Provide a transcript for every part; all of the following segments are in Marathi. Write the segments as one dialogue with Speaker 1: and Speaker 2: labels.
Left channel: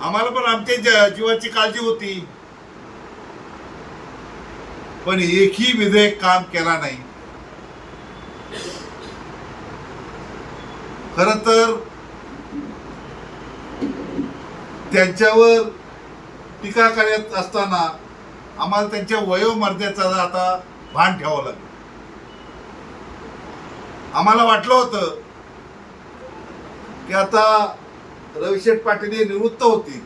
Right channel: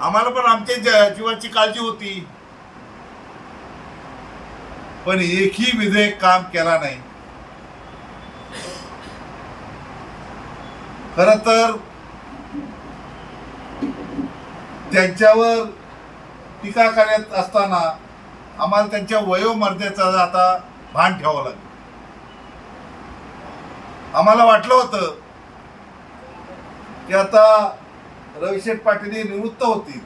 Speaker 1: आम्हाला पण आमच्या जीवाची काळजी होती. पण एकही विधेयक काम केला नाही. खर तर त्यांच्यावर टीका करत असताना आम्हाला त्यांच्या वयोमर्यादेचा आता भान ठेवावं लागेल. आम्हाला वाटलं होतं की आता रविशेठ पाटील हे निवृत्त होतील.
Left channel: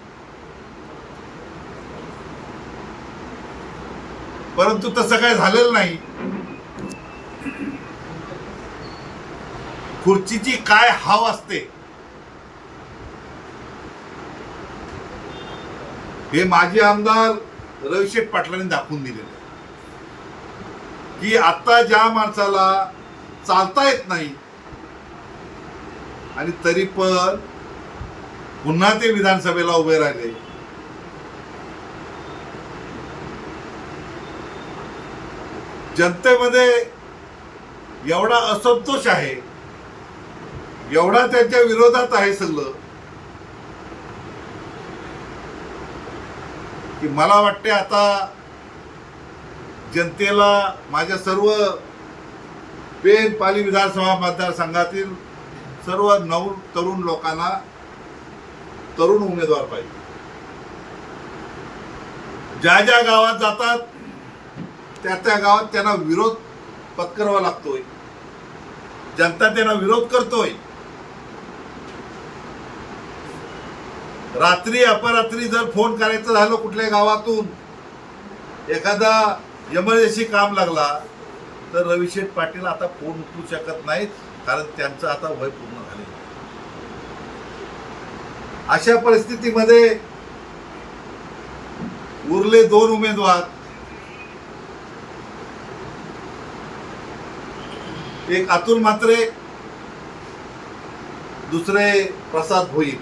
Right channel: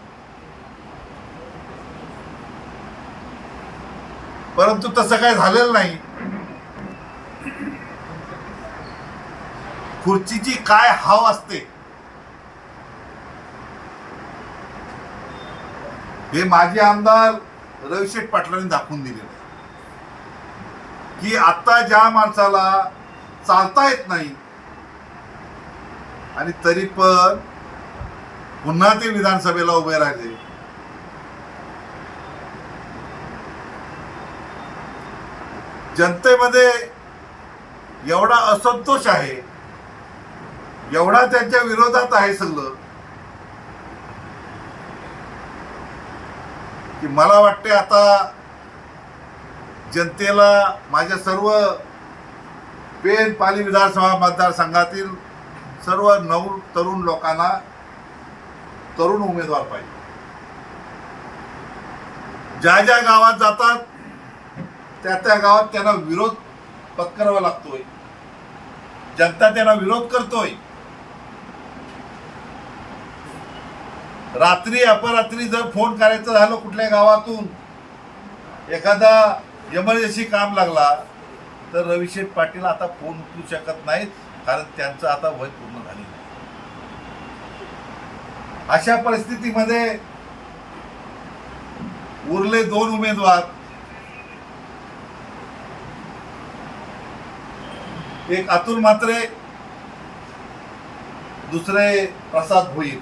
Speaker 1: परंतु तसं काय झालेलं नाही. खुर्चीची काय हाव असते? हे माजी आमदार रविशेठ पाटलांनी दाखवून दिलेलं आहे. की आता ज्या माणसाला चालता येत नाही आणि तरी पण पुन्हा ते विधानसभेला उभे राहिले. जनतेमध्ये एवढा असंतोष आहे एवढा त्यांच्या विरोधात आहे सगळं की मला वाटते आता जनतेला माझ्या सर्व पेन पाली विधानसभा मतदारसंघातील सर्व नऊ तरुण लोकांना तरुण उमेदवार पाहिजे. ज्या ज्या गावात जातात त्या त्या गावात त्यांना विरोध पत्करावा लागतोय. जनता त्यांना विरोध करतोय. रात्री अपरात्री जर फोन करायचं झालं कुठल्या गावातून एखादा एमर्जन्सी काम लागला तर रविशेठ पाटील आता फोन उचलू शकत नाहीत कारण त्यांचं आता वय पूर्ण झालेलं आहे. अशा परिस्थितीमध्ये उरले दोन उमेदवार एक अतुल मात्रे दुसरे प्रसाद भोईर.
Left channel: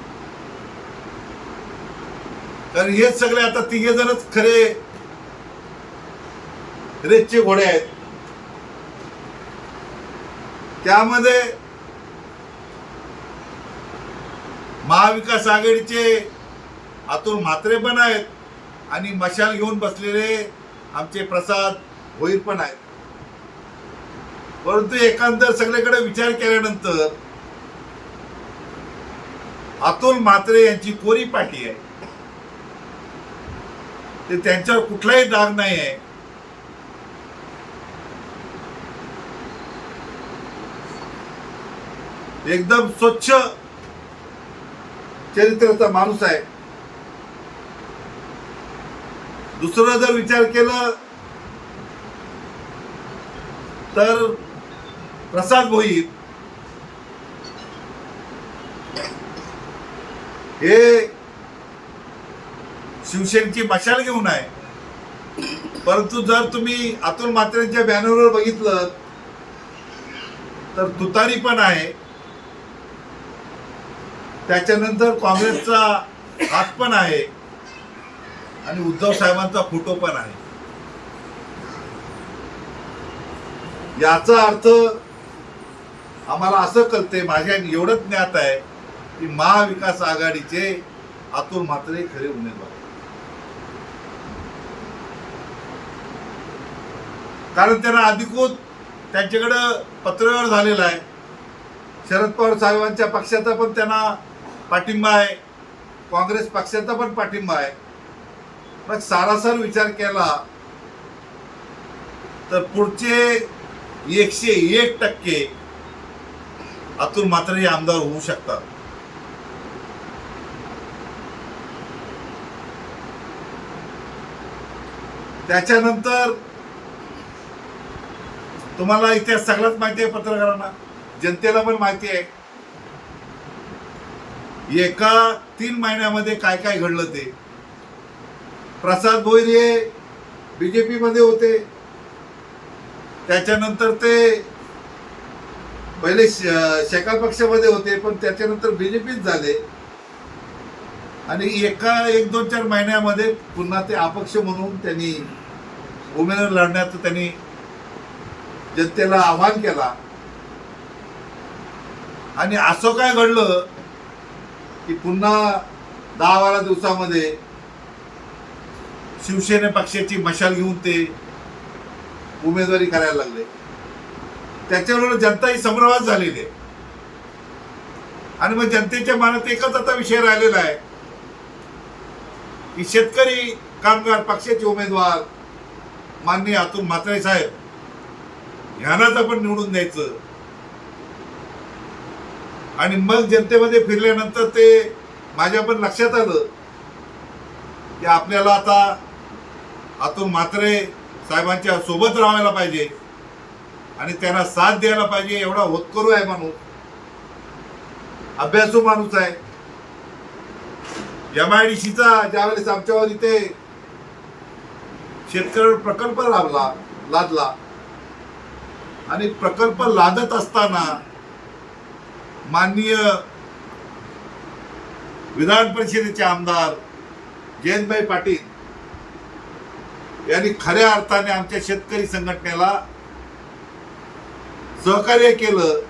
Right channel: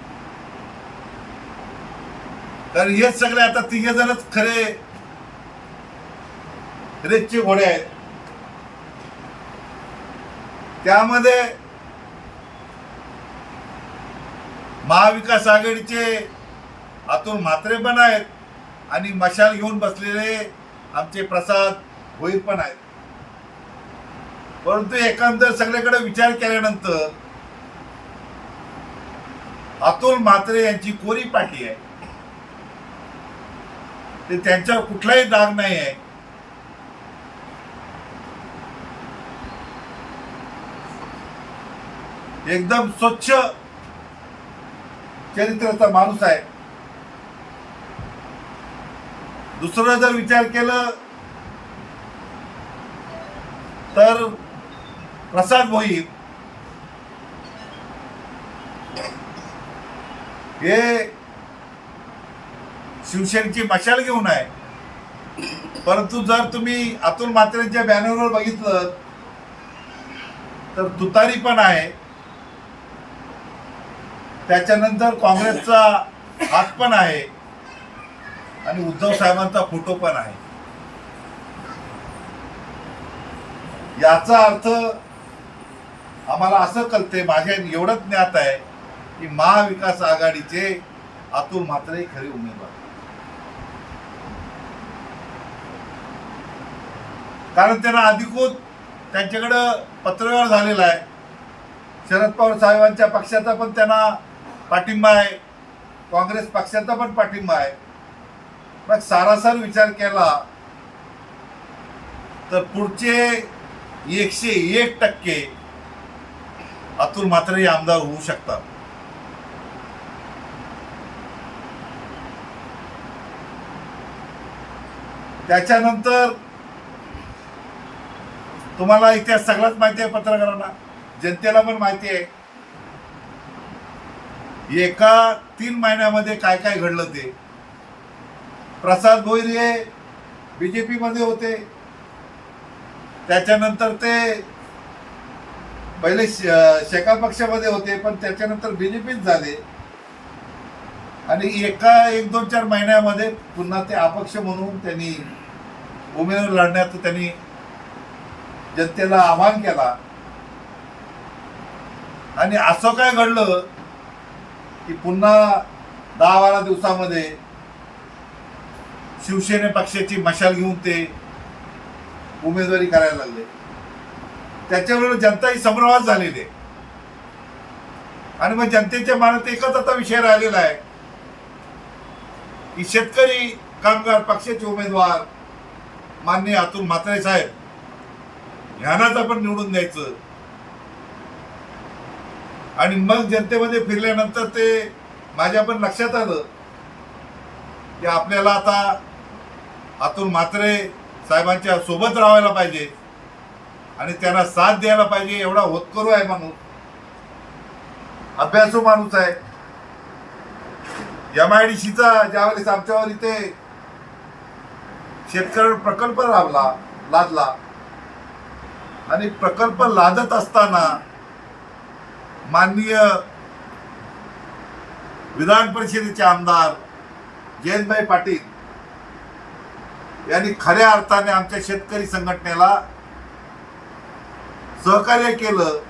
Speaker 1: कारण हेच सगळे आता तिघे जणच खरे रेसचे घोडे आहेत. त्यामध्ये महाविकास आघाडीचे अतुल म्हात्रे पण आहेत आणि मशाल घेऊन बसलेले आमचे प्रसाद भोईर पण आहेत. परंतु एकंदर सगळीकडे विचार केल्यानंतर अतुल म्हात्रे यांची कोरी पाठी आहे. ते त्यांच्यावर कुठलाही डाग नाही आहे. एकदम स्वच्छ चरित्राचा माणूस आहे. दुसरं जर विचार केलं तर प्रसाद भोईर हे शिवसेनेची मशाल घेऊन आहे. परंतु जर तुम्ही अतुल म्हात्रेंच्या बॅनरवर बघितलं तर तुतारी पण आहे. त्याच्यानंतर काँग्रेसचा हात पण आहे आणि उद्धव साहेबांचा फोटो पण आहे. याचा अर्थ आम्हाला असं कळते माझ्या एवढंच ज्ञात आहे की महाविकास आघाडीचे अतुल म्हात्रे खरे उमेदवार. कारण त्यांना अधिकृत त्यांच्याकडं पत्रव्यवहार झालेला आहे. शरद पवार साहेबांच्या पक्षाचा पण त्यांना पाठिंबा आहे. काँग्रेस पक्षाचा पण पाठिंबा आहे. मग सारासार विचार केला तर पुढचे एकशे एक टक्के अतुल म्हात्रे हे आमदार होऊ शकतात. त्याच्यानंतर तुम्हाला इतिहास सगळ्याच माहिती आहे पत्रकारांना. जनतेला पण माहिती आहे. एका तीन महिन्यामध्ये काय काय घडलं ते? प्रसाद भोईर हे बीजेपी मध्ये होते. त्याच्यानंतर ते पहिले श- शेकाल पक्षामध्ये होते पण त्याच्यानंतर बीजेपीच झाले. आणि एका एक दोन चार महिन्यामध्ये पुन्हा ते अपक्ष म्हणून त्यांनी उमेदवार लढण्याचं त्यांनी जनतेला आव्हान केला. आणि असं काय घडलं की पुन्हा दहा बारा दिवसामध्ये शिवसेने पक्षाची मशाल घेऊन ते उमेदवारी करायला लागले. त्याच्यावर जनता ही संभ्रमात झालेली आहे. आणि मग जनतेच्या मनात एकच आता विषय राहिलेला आहे की शेतकरी कामगार पक्षाचे उमेदवार माननीय अतुल म्हात्रे साहेब ह्यांनाच आपण निवडून द्यायचं. आणि मग जनतेमध्ये फिरल्यानंतर ते माझ्या पण लक्षात आलं की आपल्याला आता आतून म्हात्रे साहेबांच्या सोबत राहायला पाहिजे आणि त्यांना साथ द्यायला पाहिजे एवढा होतकरू आहे माणूस. अभ्यासू माणूस आहे. एम आय डी सीचा ज्यावेळेस आमच्यावर इथे शेतकऱ्यावर प्रकल्प लाभला लादला आणि प्रकल्प लादत असताना माननीय विधान परिषदेचे आमदार जयंतभाई पाटील यांनी खऱ्या अर्थाने आमच्या शेतकरी संघटनेला सहकार्य केलं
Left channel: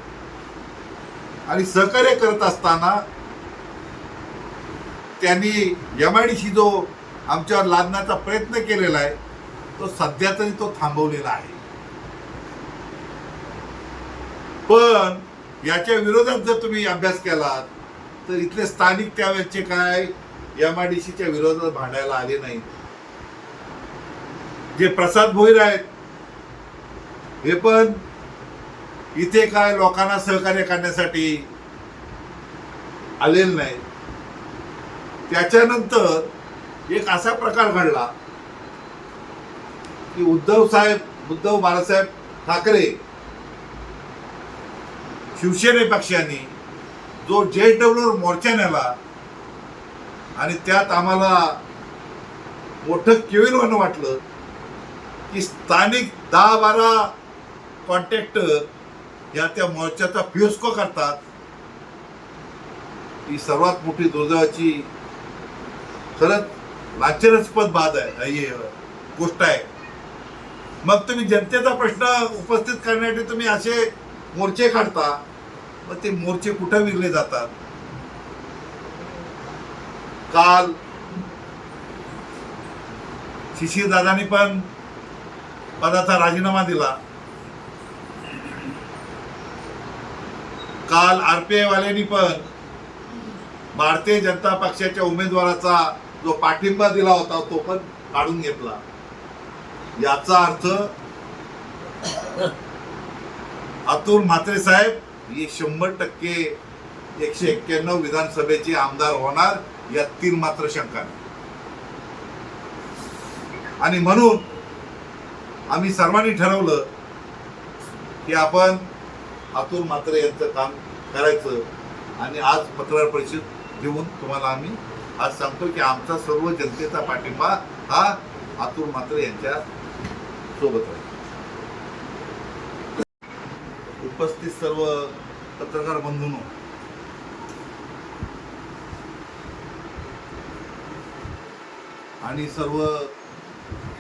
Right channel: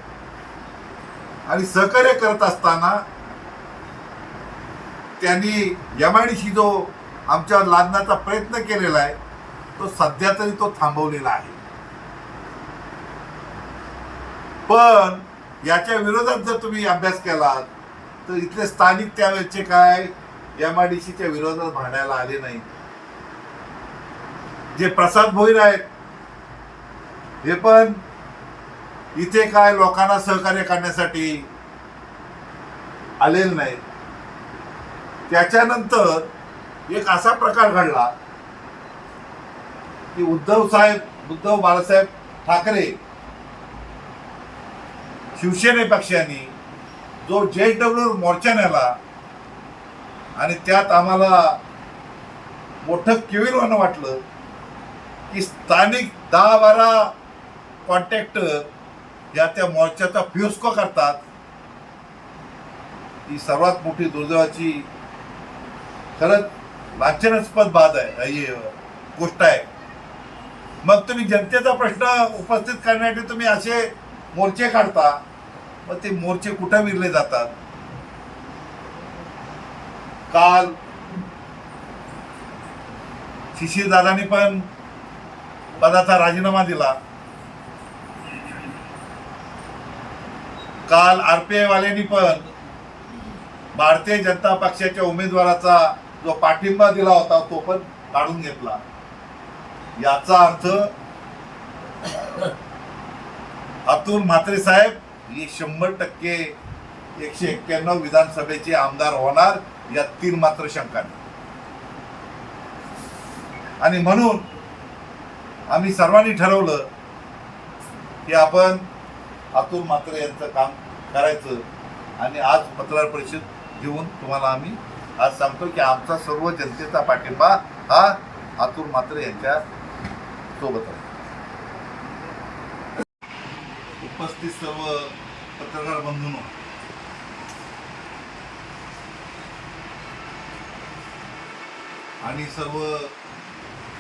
Speaker 1: आणि सहकार्य करत असताना त्यांनी एम आय डी सी जो आमच्यावर लादण्याचा प्रयत्न केलेला आहे तो सध्या तरी तो थांबवलेला आहे. पण याच्या विरोधात जर तुम्ही अभ्यास केलात तर इथले स्थानिक त्यावेळेचे काय? एम आय डी सीच्या विरोधात भांडायला आले नाही. जे प्रसाद भोईर आहेत हे पण इथे काय लोकांना सहकार्य करण्यासाठी आलेले नाही. त्याच्यानंतर एक असा प्रकार घडला की उद्धव साहेब उद्धव बाळासाहेब ठाकरे शिवसेने पक्षाने जो जे डब्ल्यू मोर्चा नेला आणि त्यात आम्हाला मोठं केविलवानं वाटलं की स्थानिक दहा बारा कॉन्ट्रॅक्टर या त्या मोर्चाचा फ्युस्को करतात. ही सर्वात मोठी दुर्दैवाची खरंच लांछनास्पद बाद आहे गोष्ट आहे. मग तुम्ही जनतेचा प्रश्न उपस्थित करण्यासाठी तुम्ही असे मोर्चे काढता मग ते मोर्चे कुठं विरले जातात? काल शिशिरदादांनी पण पदाचा राजीनामा दिला. काल आरपीआय वाल्यांनी पण भारतीय जनता पक्षाच्या उमेदवाराचा जो पाठिंबा दिला होता तो पण काढून घेतला. याचा अर्थ अतुल म्हात्रे साहेब हे शंभर टक्के एकशे एक्क्याण्णव विधानसभेचे आमदार होणार या तीन मात्र शंका नाही आणि म्हणून आम्ही सर्वांनी ठरवलं की आपण अतुल म्हात्रे यांचं काम करायचं आणि आज पत्रकार परिषद घेऊन तुम्हाला आम्ही आज सांगतो की आमचा सर्व जनतेचा पाठिंबा हा अतुल म्हात्रे यांच्या सोबत आहे उपस्थित सर्व पत्रकार बंधूंनो आणि सर्व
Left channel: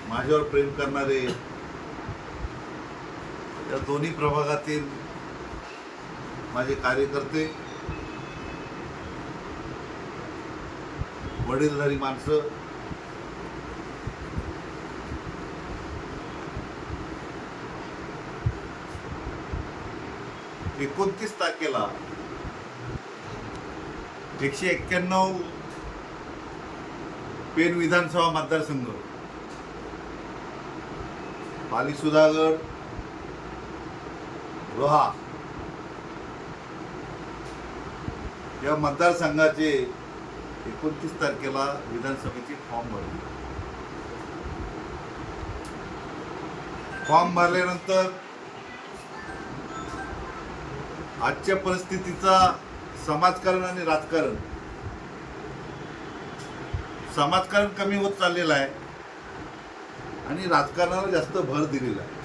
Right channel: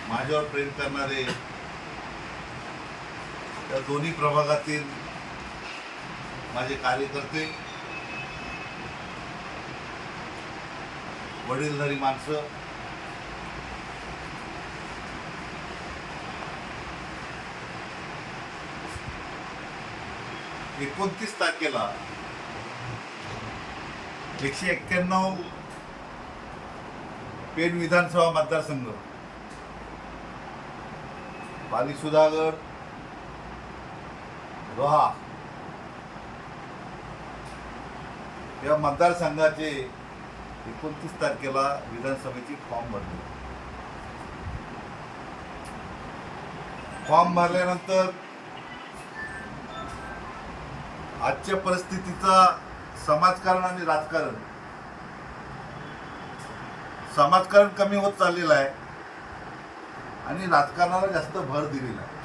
Speaker 1: माझ्यावर प्रेम करणारे या दोन्ही प्रभागातील माझे कार्यकर्ते वडीलधारी माणसं एकोणतीस तारखेला. एकशे एक्क्याण्णव पेन विधानसभा मतदारसंघ. पाली सुधागड रोहा. या मतदारसंघाचे एकोणतीस तारखेला विधानसभेचे फॉर्म भरले. फॉर्म भरल्यानंतर आजच्या परिस्थितीचा समाजकारण आणि राजकारण. समाजकारण कमी होत चाललेलं आहे आणि राजकारणाला जास्त भर दिलेला आहे.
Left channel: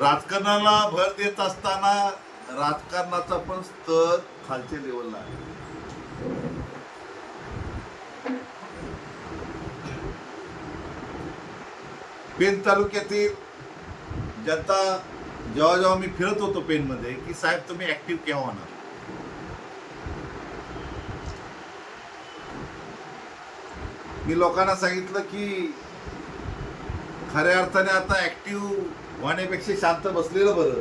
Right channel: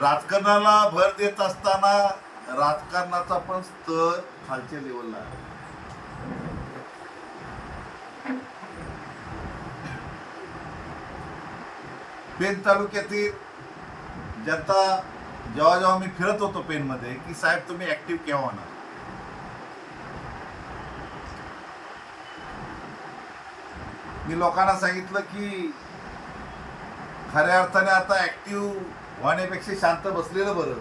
Speaker 1: राजकारणाला भर देत असताना राजकारणाचा पण स्तर खालच्या लेवलला आहे. पेन तालुक्यातील जनता जेव्हा जेव्हा मी फिरत होतो पेनमध्ये की साहेब तुम्ही ऍक्टिव्ह केव्हा होणार? मी लोकांना सांगितलं की खऱ्या अर्थाने आता ऍक्टिव्ह होण्यापेक्षा शांत बसलेलं बरं.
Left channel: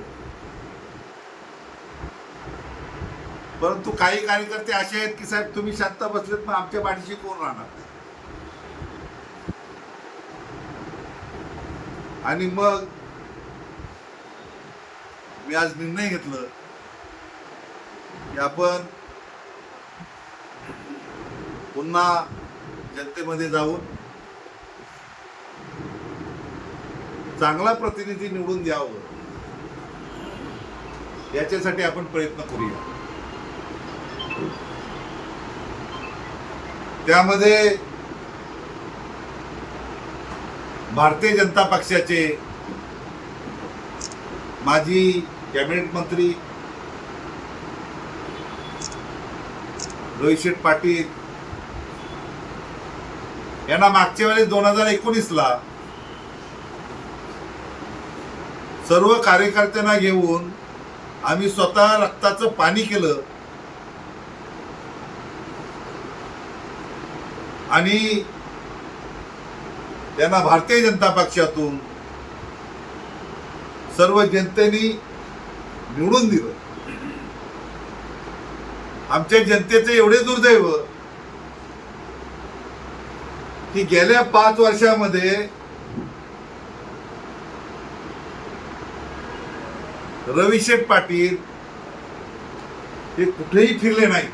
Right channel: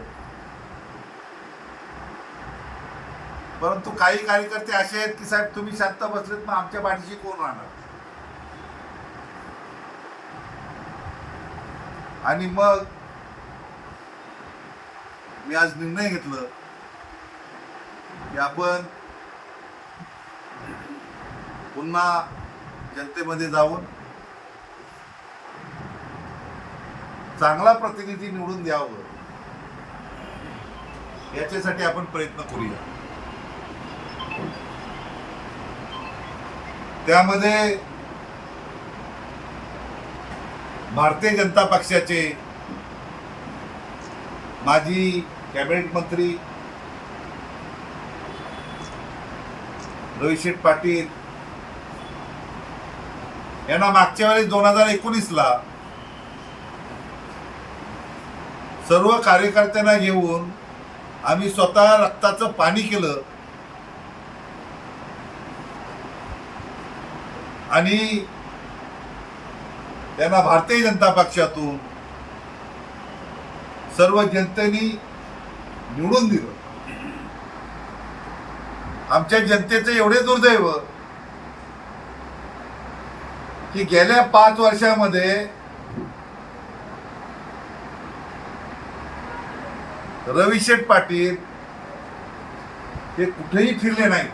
Speaker 1: परंतु काही कार्यकर्ते असे आहेत की साहेब तुम्ही शांत बसलेत मग आमच्या पाठीशी कोण राहणार? आणि मग मी आज निर्णय घेतलं की आपण पुन्हा जनतेमध्ये जाऊन चांगला प्रतिनिधी निवडून द्यावं. याच्यासाठी आपण प्रयत्न करूया. त्यामध्ये भारतीय जनता पक्षाचे माजी कॅबिनेट मंत्री रविशेठ पाटील. यांना मागच्या वेळेस दोन हजार एकोणीसला सर्व कार्यकर्त्यांना घेऊन आम्ही स्वतः रक्ताचं पाणी केलं. आणि त्यांना भारतीय जनता पक्षातून सर्व जनतेनी निवडून दिलं. आमच्या जनतेचं एवढे दुर्दैव की गेल्या पाच वर्षामध्ये रविशेठ पाटील हे कुठेही फिरले नाहीत.